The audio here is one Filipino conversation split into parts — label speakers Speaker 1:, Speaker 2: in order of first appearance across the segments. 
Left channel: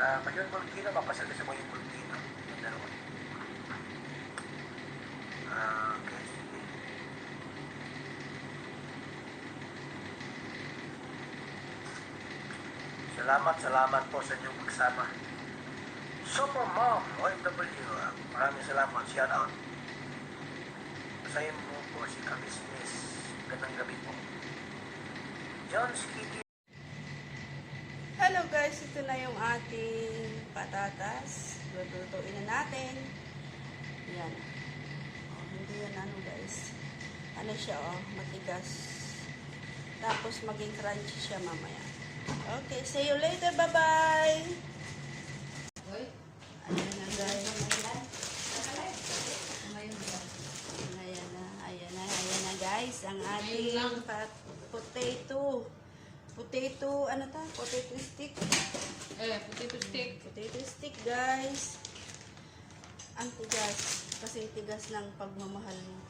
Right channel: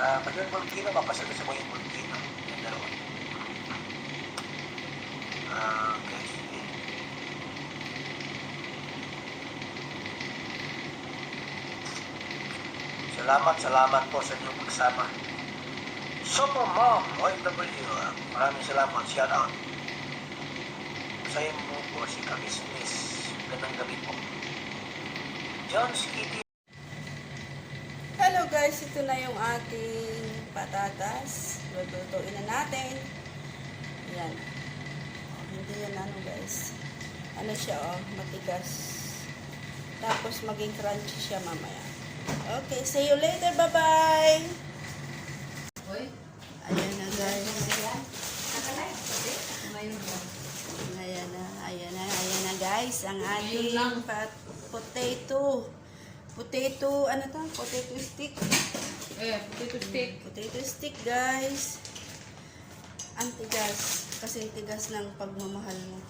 Speaker 1: Uh, pag yung volcano, papasok sa buhay yung volcano. Yung dalawa. Ah, okay, sige. Salamat, salamat po sa inyong pagsama. Super Mom, OFW. Ah. Maraming salamat. Shout out. Sayang mo po si Kakismis. Magandang gabi po. John Skitty.
Speaker 2: Hello guys, ito na yung ating patatas. Lulutuin na natin. Yan. Hindi yan ano guys. Ano siya oh, matigas. Tapos maging crunchy siya mamaya. Okay, see you later. Bye-bye! Ayan na guys. Ayan na, ayan na, ayan na guys. Ang ating potato. Potato, ano to? Potato stick.
Speaker 3: Eh, potato stick.
Speaker 2: Potato stick, guys. Ang tigas. Kasi tigas ng pagmamahal mo.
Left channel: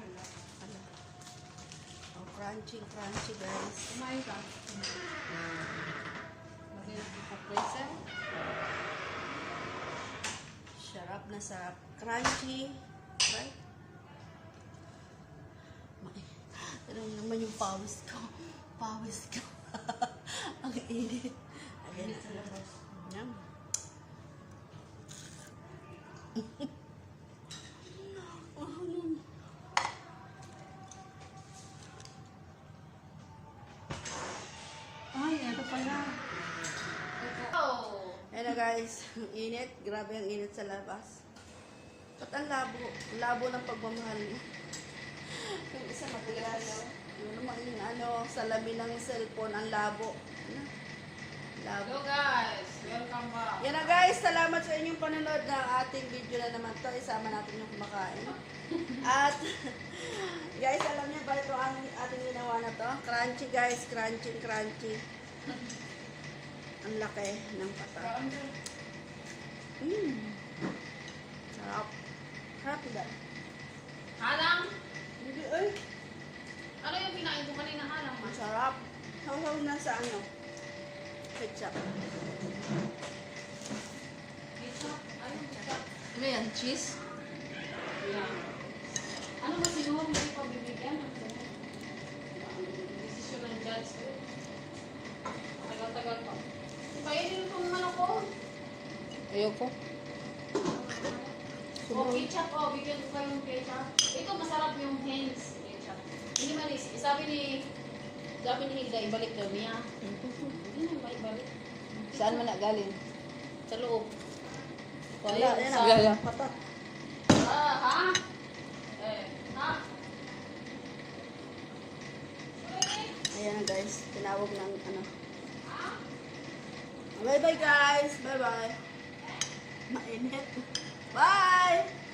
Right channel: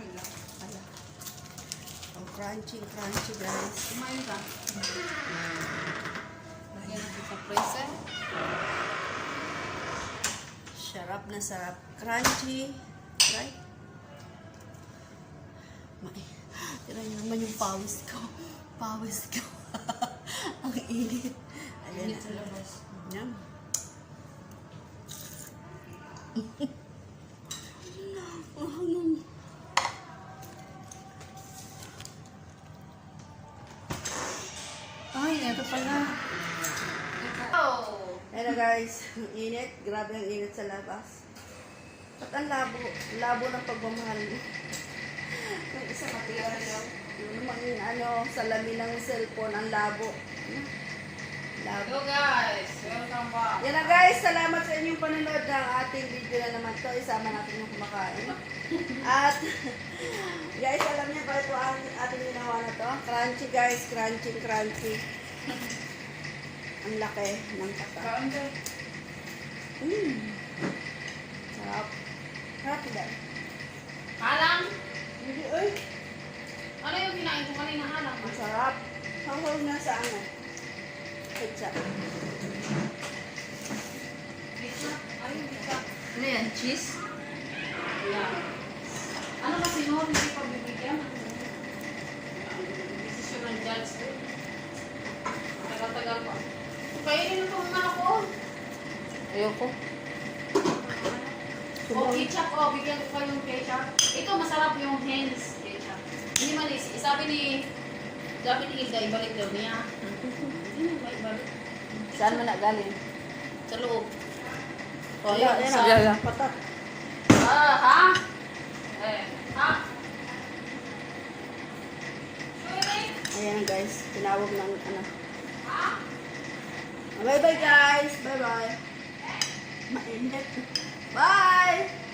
Speaker 3: Wala.
Speaker 2: Ala. Oh, crunchy, crunchy, guys.
Speaker 3: Kumain ka. Lagyan natin sa freezer.
Speaker 2: Sarap na sarap. Crunchy. Right? May. Tira naman yung pawis ko. Pawis ko. Ang init. Ayan
Speaker 3: Init sa labas.
Speaker 2: Yan.
Speaker 3: Ay, ito pala.
Speaker 2: Hello guys, ang init. Grabe ang init sa labas. At ang labo, labo ng pagmamahal mo. Ang isa matigas. Yung ano, salamin ng cellphone, ang labo. Labo.
Speaker 3: Hello guys! Welcome back.
Speaker 2: Yan na guys, salamat sa inyong panonood ng ating video na naman to. Isama natin yung kumakain. At guys, alam niyo ba ito ang ating ginawa na to? Crunchy guys, crunchy, crunchy. Ang laki ng kata.
Speaker 3: Kaon ka.
Speaker 2: Mm. Sarap. Sarap guys.
Speaker 3: Halang?
Speaker 2: Hindi, ay.
Speaker 3: Ano yung kinain ko kanina halang?
Speaker 2: Ang sarap. Sahol na sa ano. Ketchup.
Speaker 3: Ketchup? Ayun, ketchup. Ano yan? Cheese? Yeah. Ano kasi no? Hindi pa bibigyan. Desisyon ng judge. Tagal-tagal pa. Kainin mo itong ano ko. Ayoko. O ketchup, o bigyan ko kayong ketchup. Ito masarap yung hens ketchup. Hindi man, sabi ni, sabi ni Hilda, ibalik daw niya. Ano ba ibalik? Saan man na galing? Sa loob. O,
Speaker 2: Ayan,
Speaker 3: ayun,
Speaker 2: ayan.
Speaker 3: sa...
Speaker 2: Patat.
Speaker 3: Ah, ha? Eh, ha?
Speaker 2: Ayan guys, tinawag ng ano. Bye bye guys. Bye bye. Mainit. Bye!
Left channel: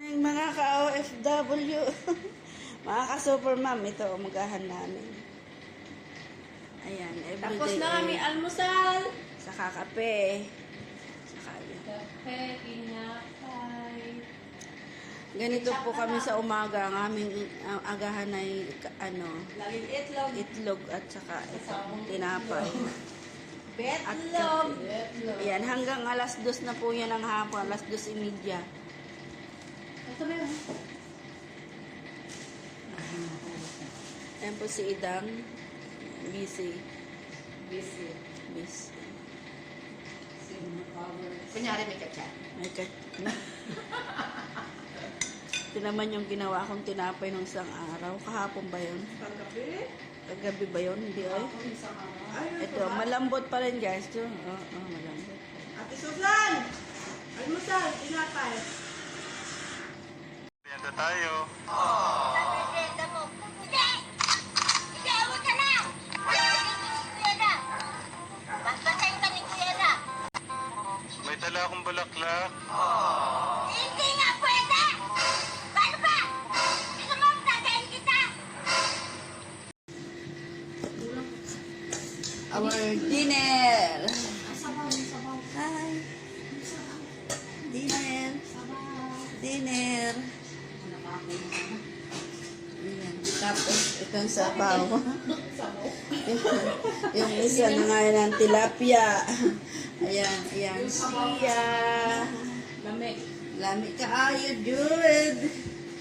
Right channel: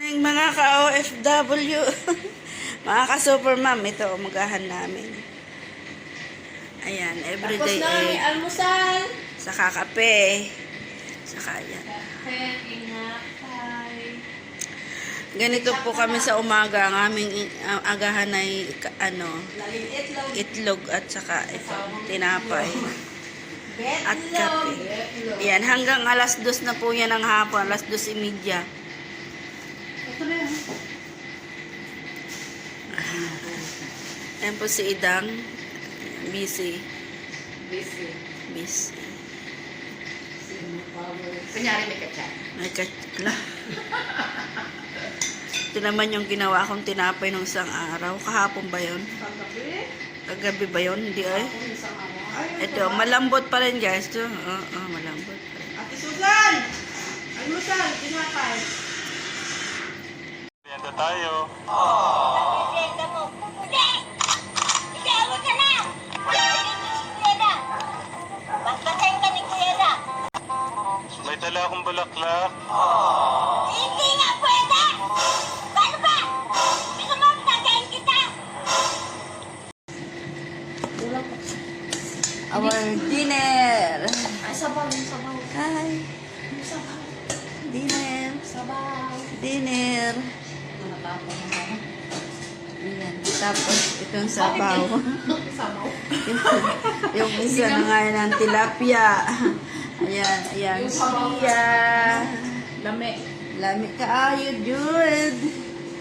Speaker 2: Ng mga ka-OFW, mga ka-supermom, ito umagahan namin. Ayan, everyday egg,
Speaker 3: almusal.
Speaker 2: saka kape, saka yan.
Speaker 3: Kape, inakay.
Speaker 2: Ganito po kami sa umaga, ang aming uh, agahan ay ano, itlog at saka ito, tinapay at kape. Yan, hanggang alas dos na po yan ng hapon, alas dos imidya. Ayan po si Idang, busy,
Speaker 3: Busy.
Speaker 2: busy.
Speaker 3: Kanyari may kachat.
Speaker 2: Ay, katla. Ito naman yung ginawa kong tinapay nung isang araw. Kahapon ba yun? Kagabi ba yun? Hindi ay. Ito, malambot pa rin guys. Ito, oo, oo, malambot. Ate Susan! Almusal, tinapay
Speaker 1: na tayo. May dala akong bulaklak. Hindi nga pwede! Paano ba? Gusto mo tagayin kita?
Speaker 2: Our dinner!
Speaker 3: Ay, sabaw, yung sabaw, Hi! yung sabaw, Dinner! sabaw. Dinner!
Speaker 2: Ayan. Tapos, itong sabaw. Yung isa na nga yan ang tilapia. Ayan, ayan siya.
Speaker 3: Lami.
Speaker 2: Lami kaayo, Jude.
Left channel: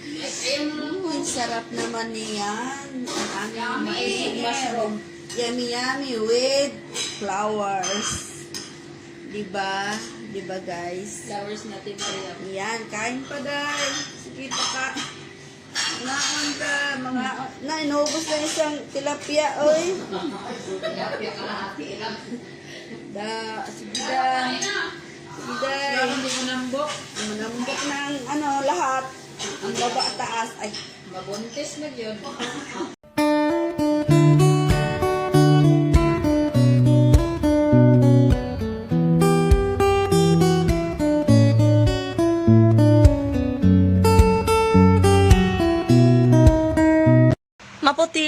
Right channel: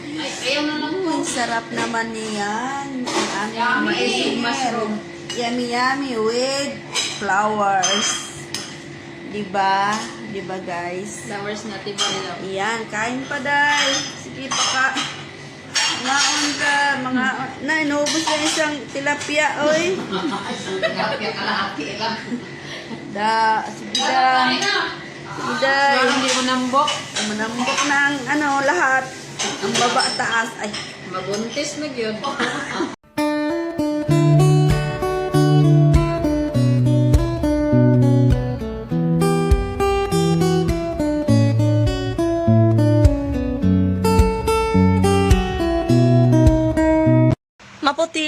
Speaker 3: Ay, ayaw na lang po.
Speaker 2: Sarap naman niyan. Ang aming.
Speaker 3: Mushroom.
Speaker 2: Yummy, yummy with flowers. Diba? Diba, guys?
Speaker 3: Flowers ni Ate Maria.
Speaker 2: Yan, kain pa, Day. Sige, paka. Naon ka, mga... Na, inubos na isang tilapia, oy.
Speaker 3: Tilapia kalahati lang.
Speaker 2: Da, sige, da. Sige, Day.
Speaker 3: hindi ko nambok.
Speaker 2: Manambok na ang ano, lahat. Ang baba, taas. Ay,
Speaker 3: Mabuntis na yun.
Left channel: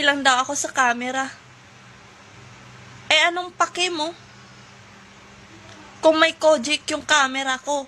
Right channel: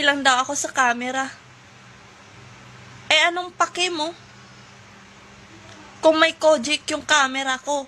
Speaker 4: Maputi lang daw ako sa camera. Eh, anong pake mo? Kung may Kojic yung camera ko.